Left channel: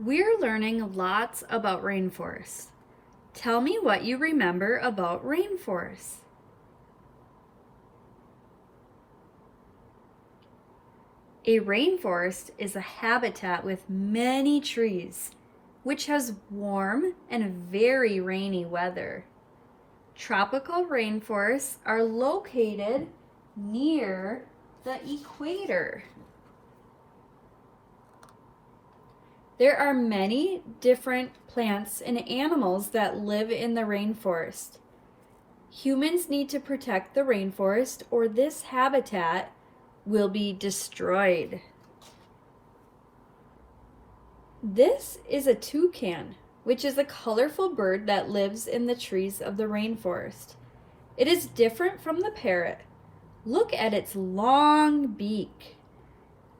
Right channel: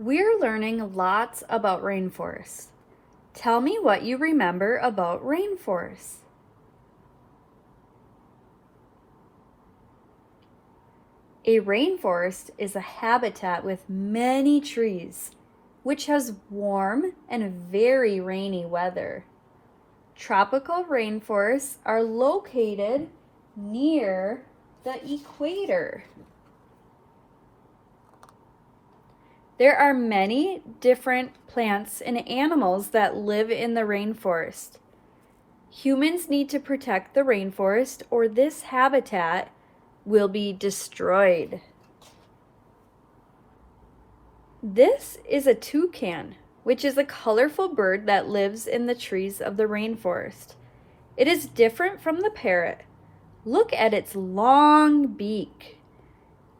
We're learning lots about rainforests. Tell me what you remember about rainforests. A rainforest is a habitat with many trees, which has warm and very rainy weather. Tropical rainforests are located near the equator. There are many different plants and animals that live in the rainforest. Humans need to protect the rainforest or this habitat will be destroyed. This is a toucan, which is a colorful bird that lives in the trees of the rainforest. It is different from the parrot. Look at its long beak.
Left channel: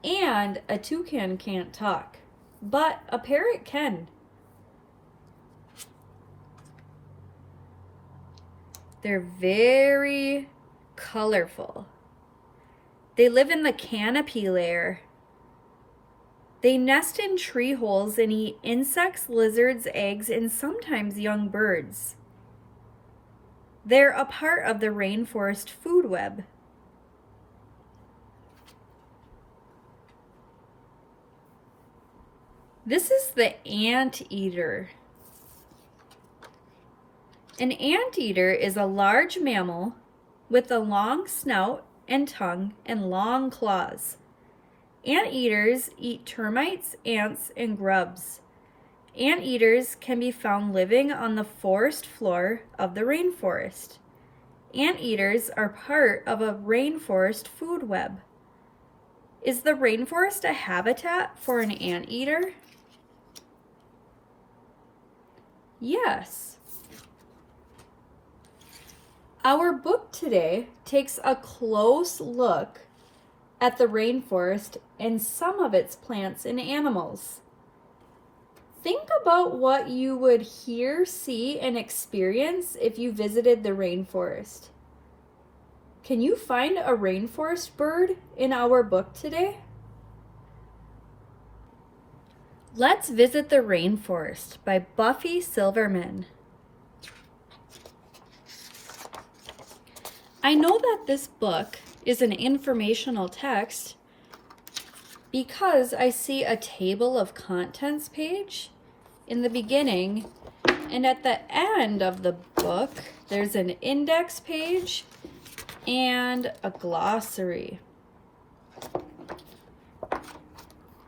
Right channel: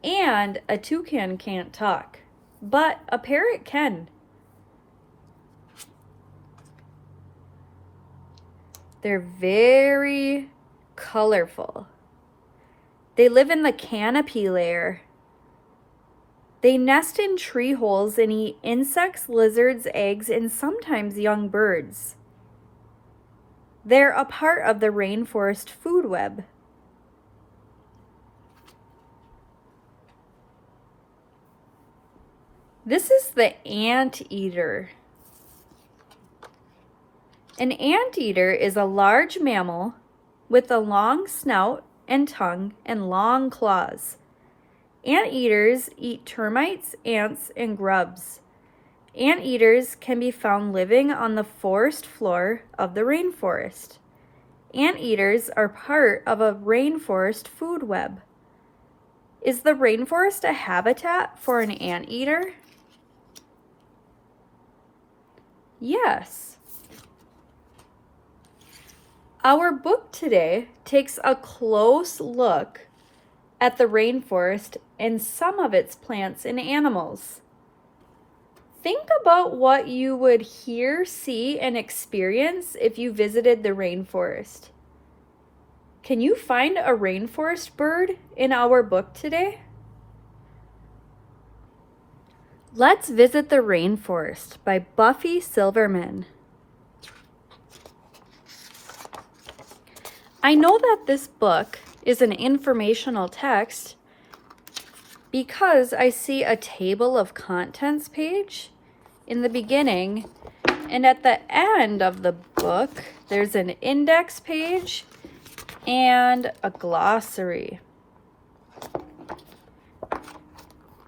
And a toucan can't talk, but a parrot can. They're very colorful. They live in the canopy layer. They nest in tree holes and eat insects, lizards, eggs, and sometimes young birds. They're a part of the rainforest food web. This is the anteater. An anteater is a large mammal with a long snout and tongue and long claws. Anteaters eat termites, ants, and grubs. Anteaters can be found living on the forest floor of the rainforest. Anteaters are part of a rainforest food web. Is the rainforest a habitat for an anteater? Yes. Our book today takes a close look at the rainforest and some of its plants and animals. Think about what you would hear, see, and experience if you visited the rainforest. Can you find a rainforest bird in our book today? Let's visit the Rainforest by Buffy Silverman. I know that this book is an informational text because I see a table of contents page in the beginning, and at the end of the book, there's an index page and a glossary.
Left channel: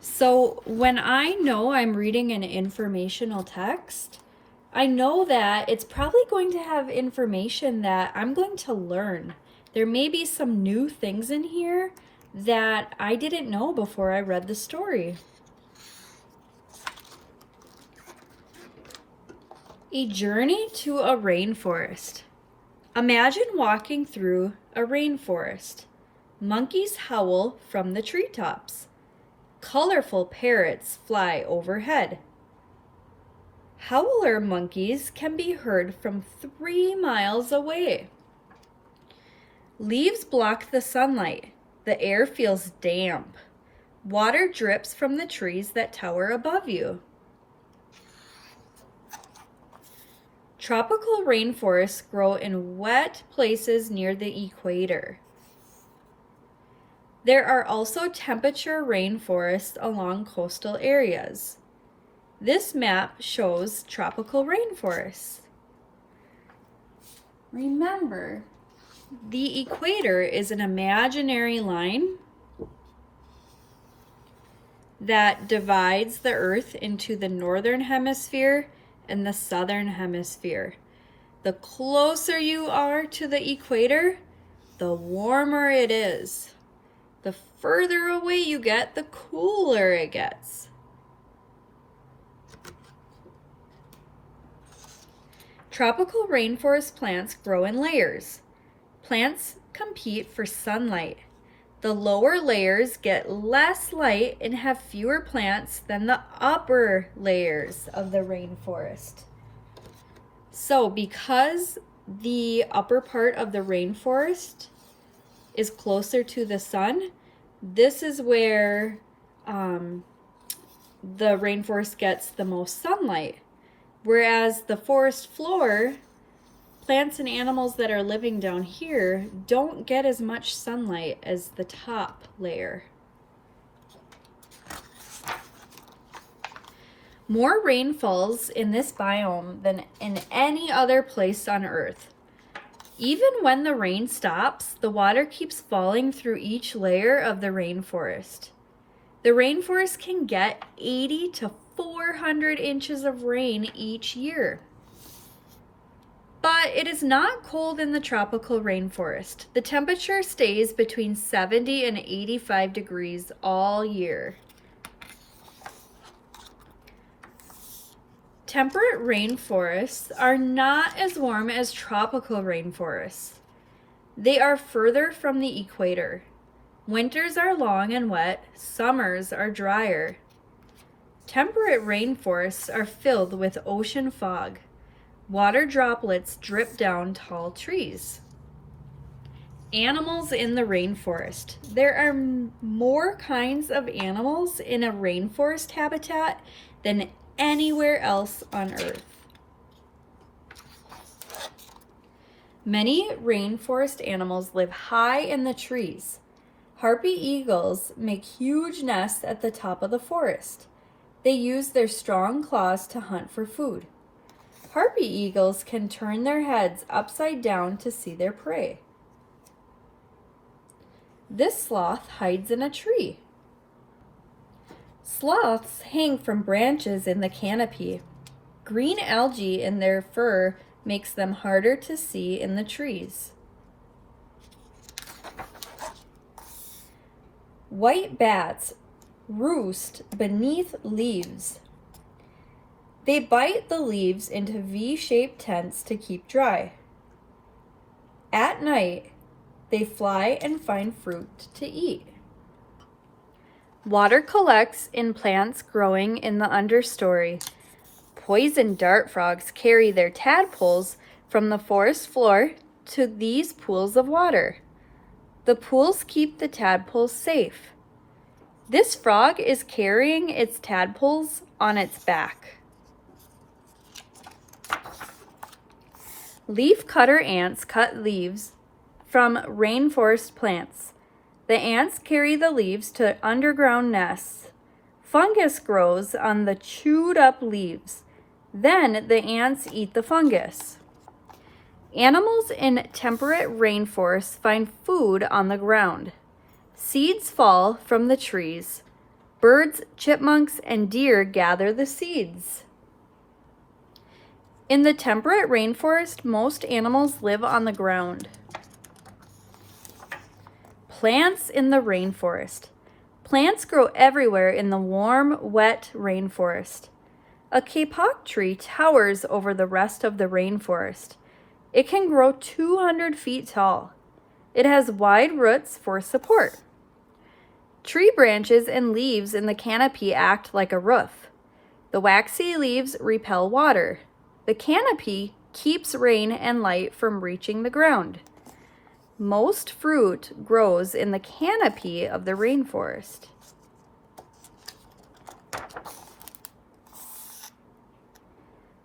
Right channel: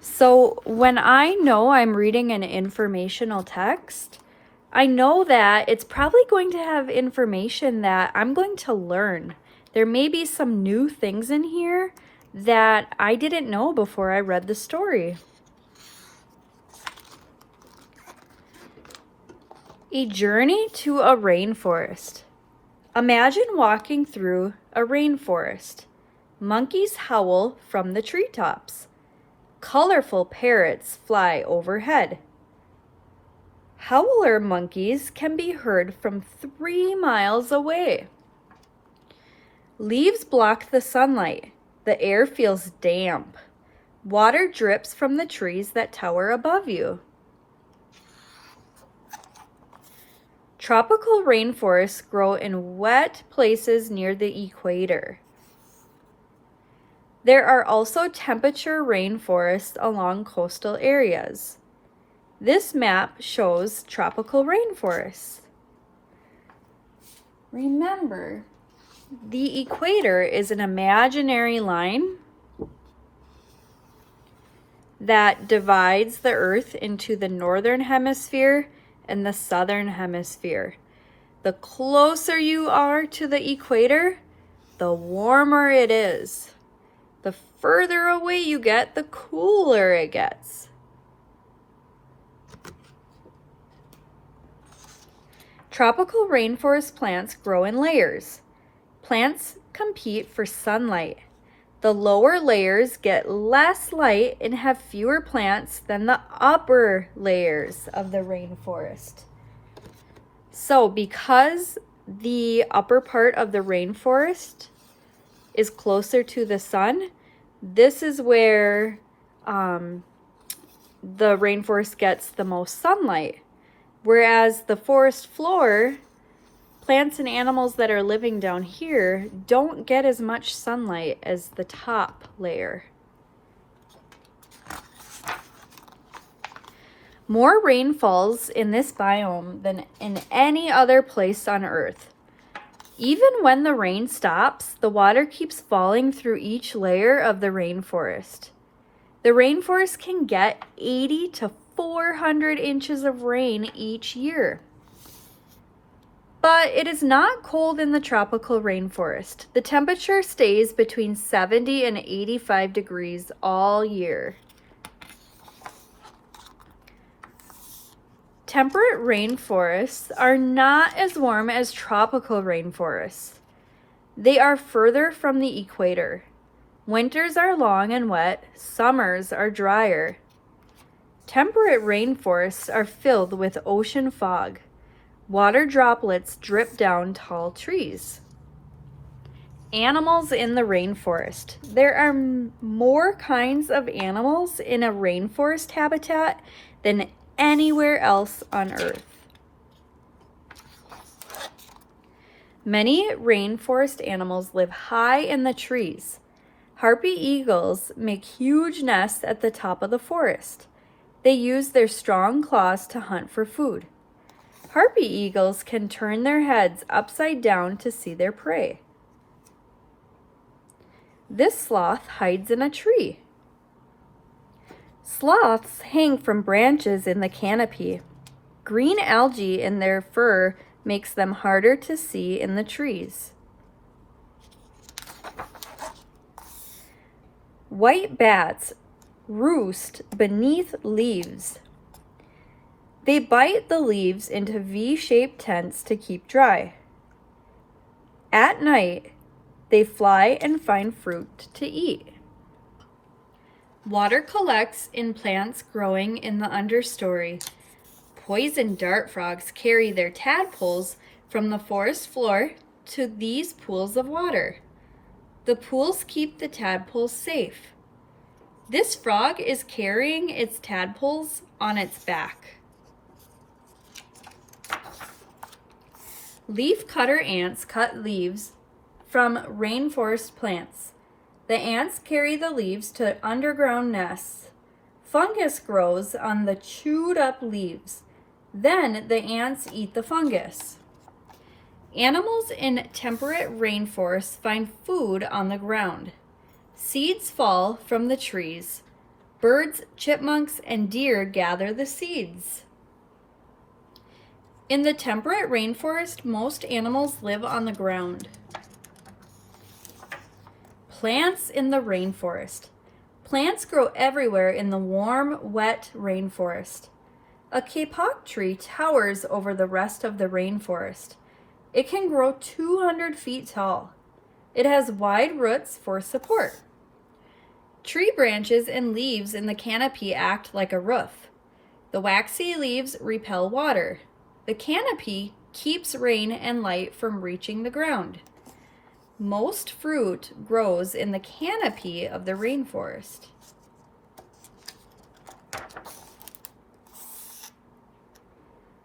So when I know I'm reading an informational text, I know that it's probably going to have information that I'm going to learn. There may be some new things in here that I didn't know before I read the story. A journey to a rainforest. Imagine walking through a rainforest. Monkeys howl from the treetops. Colorful parrots fly overhead. Howler monkeys can be heard from 3 miles away. Leaves block the sunlight. The air feels damp. Water drips from the trees that tower above you. Tropical rainforests grow in wet places near the equator. There are also temperature rainforests along coastal areas. This map shows tropical rainforests. Remember, the equator is an imaginary line that divides the Earth into the northern hemisphere and the southern hemisphere. The closer you are to the equator, the warmer it is. The further away you get, the cooler it gets. Tropical rainforest plants grow in layers. Plants compete for sunlight. The lower layers get less light and have fewer plants than the upper layers of the rainforest. So because the upper part of the rainforest is closer to the sun, this is where the rainforest gets the most sunlight, whereas the forest floor, plants and animals that are living down here don't get as much sunlight as the top layer. More rain falls in this biome than in any other place on Earth. Even when the rain stops, the water keeps falling through each layer of the rainforest. The rainforest can get 80 to 400 inches of rain each year. But it is not cold in the tropical rainforest. The temperature stays between 70 and 85 degrees all year. Temperate rainforests are not as warm as tropical rainforests. They are further from the equator. Winters are long and wet, summers are drier. Temperate rainforests are filled with ocean fog. Water droplets drip down tall trees. Animals in the rainforest. There are more kinds of animals in a rainforest habitat than anywhere else on Earth. Many rainforest animals live high in the trees. Harpy eagles make huge nests at the top of the forest. They use their strong claws to hunt for food. Harpy eagles can turn their heads upside down to see their prey. This sloth hides in a tree. Sloths hang from branches in the canopy. Green algae in their fur makes them harder to see in the trees. White bats roost beneath leaves. They bite the leaves into V-shaped tents to keep dry. At night, they fly and find fruit to eat. Water collects in plants growing in the understory. Poison dart frogs carry their tadpoles from the forest floor to these pools of water. The pools keep the tadpoles safe. This frog is carrying its tadpoles on its back. Leaf cutter ants cut leaves from rainforest plants. The ants carry the leaves to underground nests. Fungus grows on the chewed up leaves. Then the ants eat the fungus. Animals in temperate rainforests find food on the ground. Seeds fall from the trees. Birds, chipmunks, and deer gather the seeds. In the temperate rainforest, most animals live on the ground. Plants in the rainforest. Plants grow everywhere in the warm, wet rainforest. A kapok tree towers over the rest of the rainforest. It can grow 200 feet tall. It has wide roots for support. Tree branches and leaves in the canopy act like a roof. The waxy leaves repel water. The canopy keeps rain and light from reaching the ground. Most fruit grows in the canopy of the rainforest.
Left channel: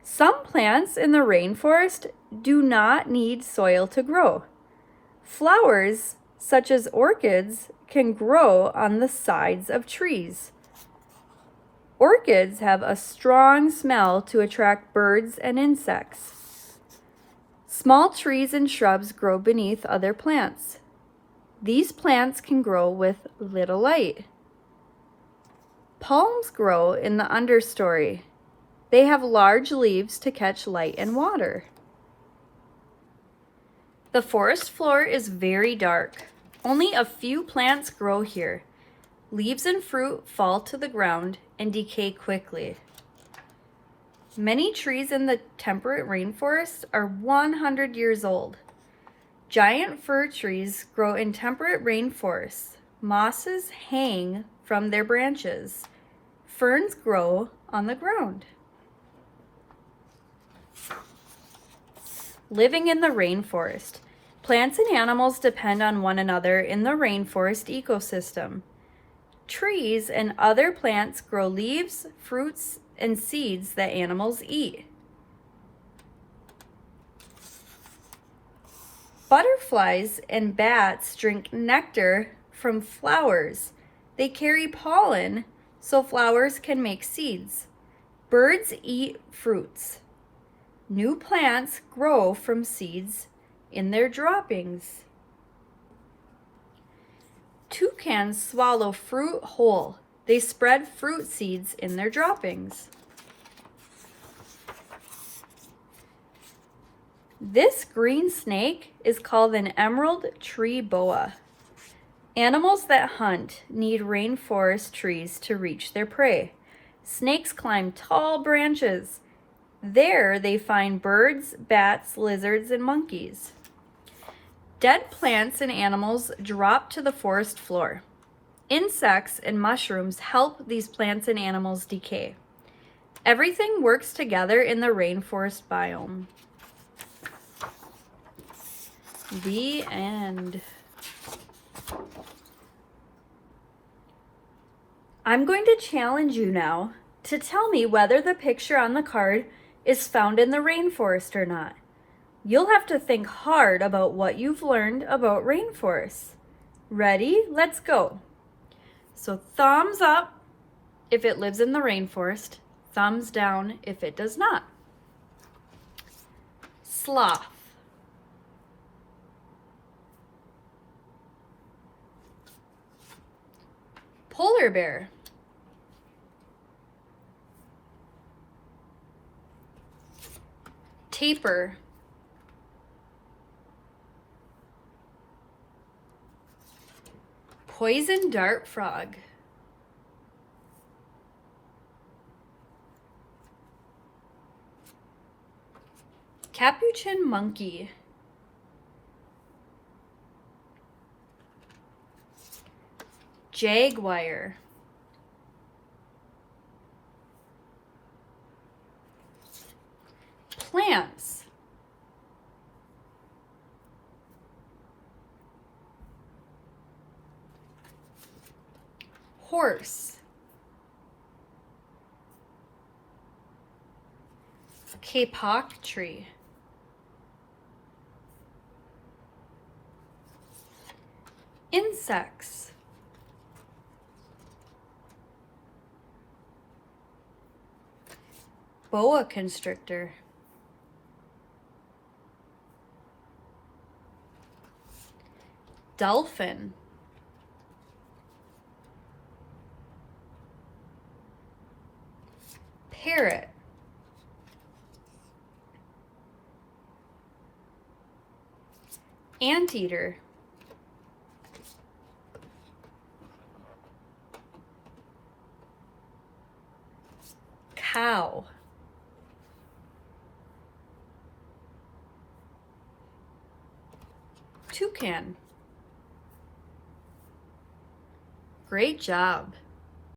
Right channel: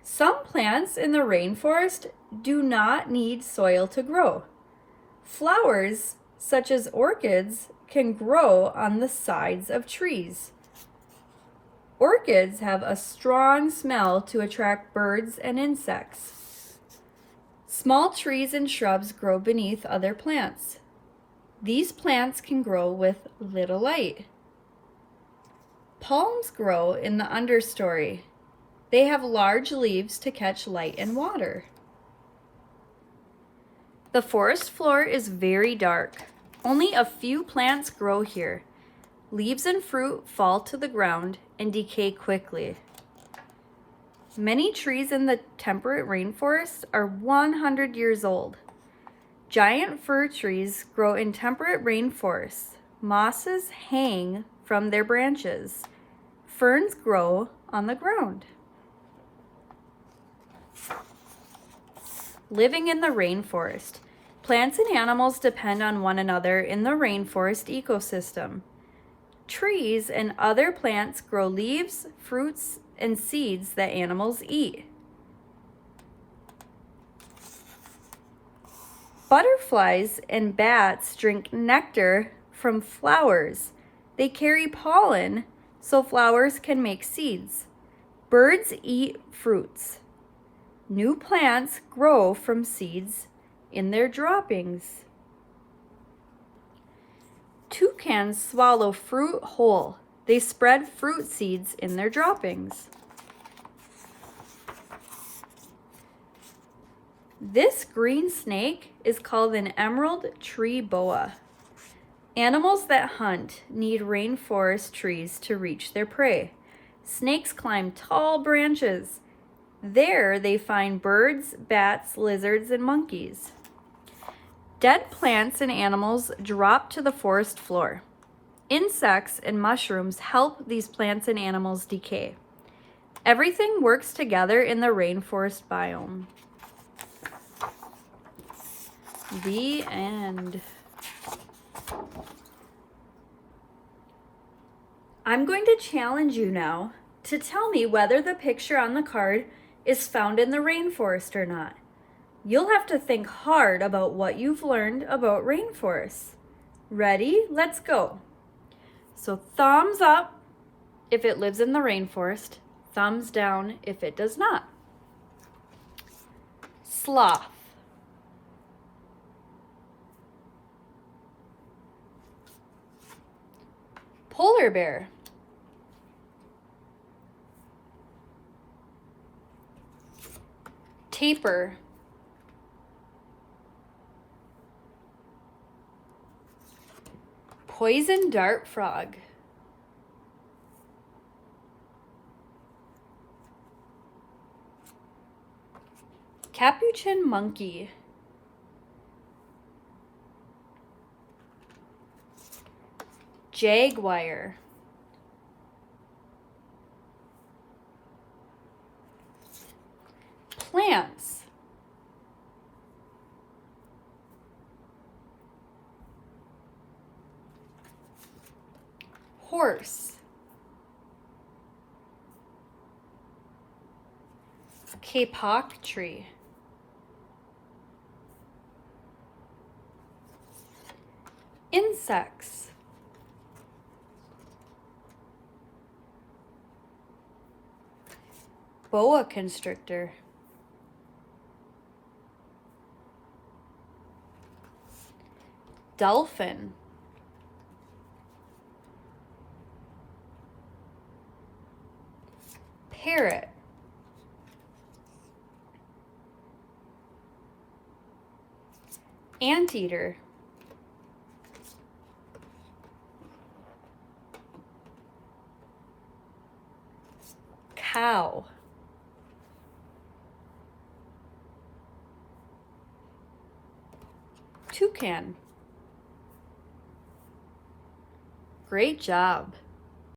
Some plants in the rainforest do not need soil to grow. Flowers, such as orchids, can grow on the sides of trees. Orchids have a strong smell to attract birds and insects. Small trees and shrubs grow beneath other plants. These plants can grow with little light. Palms grow in the understory. They have large leaves to catch light and water. The forest floor is very dark. Only a few plants grow here. Leaves and fruit fall to the ground and decay quickly. Many trees in the temperate rainforest are 100 years old. Giant fir trees grow in temperate rainforests. Mosses hang from their branches. Ferns grow on the ground. Living in the rainforest. Plants and animals depend on one another in the rainforest ecosystem. Trees and other plants grow leaves, fruits, and seeds that animals eat. Butterflies and bats drink nectar from flowers. They carry pollen so flowers can make seeds. Birds eat fruits. New plants grow from seeds in their droppings. Toucans swallow fruit whole. They spread fruit seeds in their droppings. This green snake is called an emerald tree boa. Animals that hunt need rainforest trees to reach their prey. Snakes climb tall branches. There they find birds, bats, lizards, and monkeys. Dead plants and animals drop to the forest floor. Insects and mushrooms help these plants and animals decay. Everything works together in the rainforest biome. The end. I'm going to challenge you now to tell me whether the picture on the card is found in the rainforest or not. You'll have to think hard about what you've learned about rainforests. Ready? Let's go. So thumbs up if it lives in the rainforest, thumbs down if it does not. Sloth. Polar bear. Tapir. Poison dart frog. Capuchin monkey. Jaguar. Plants. Horse. Kapok tree. Insects. Boa constrictor. Dolphin. Parrot. Anteater. Cow. Toucan. Great job.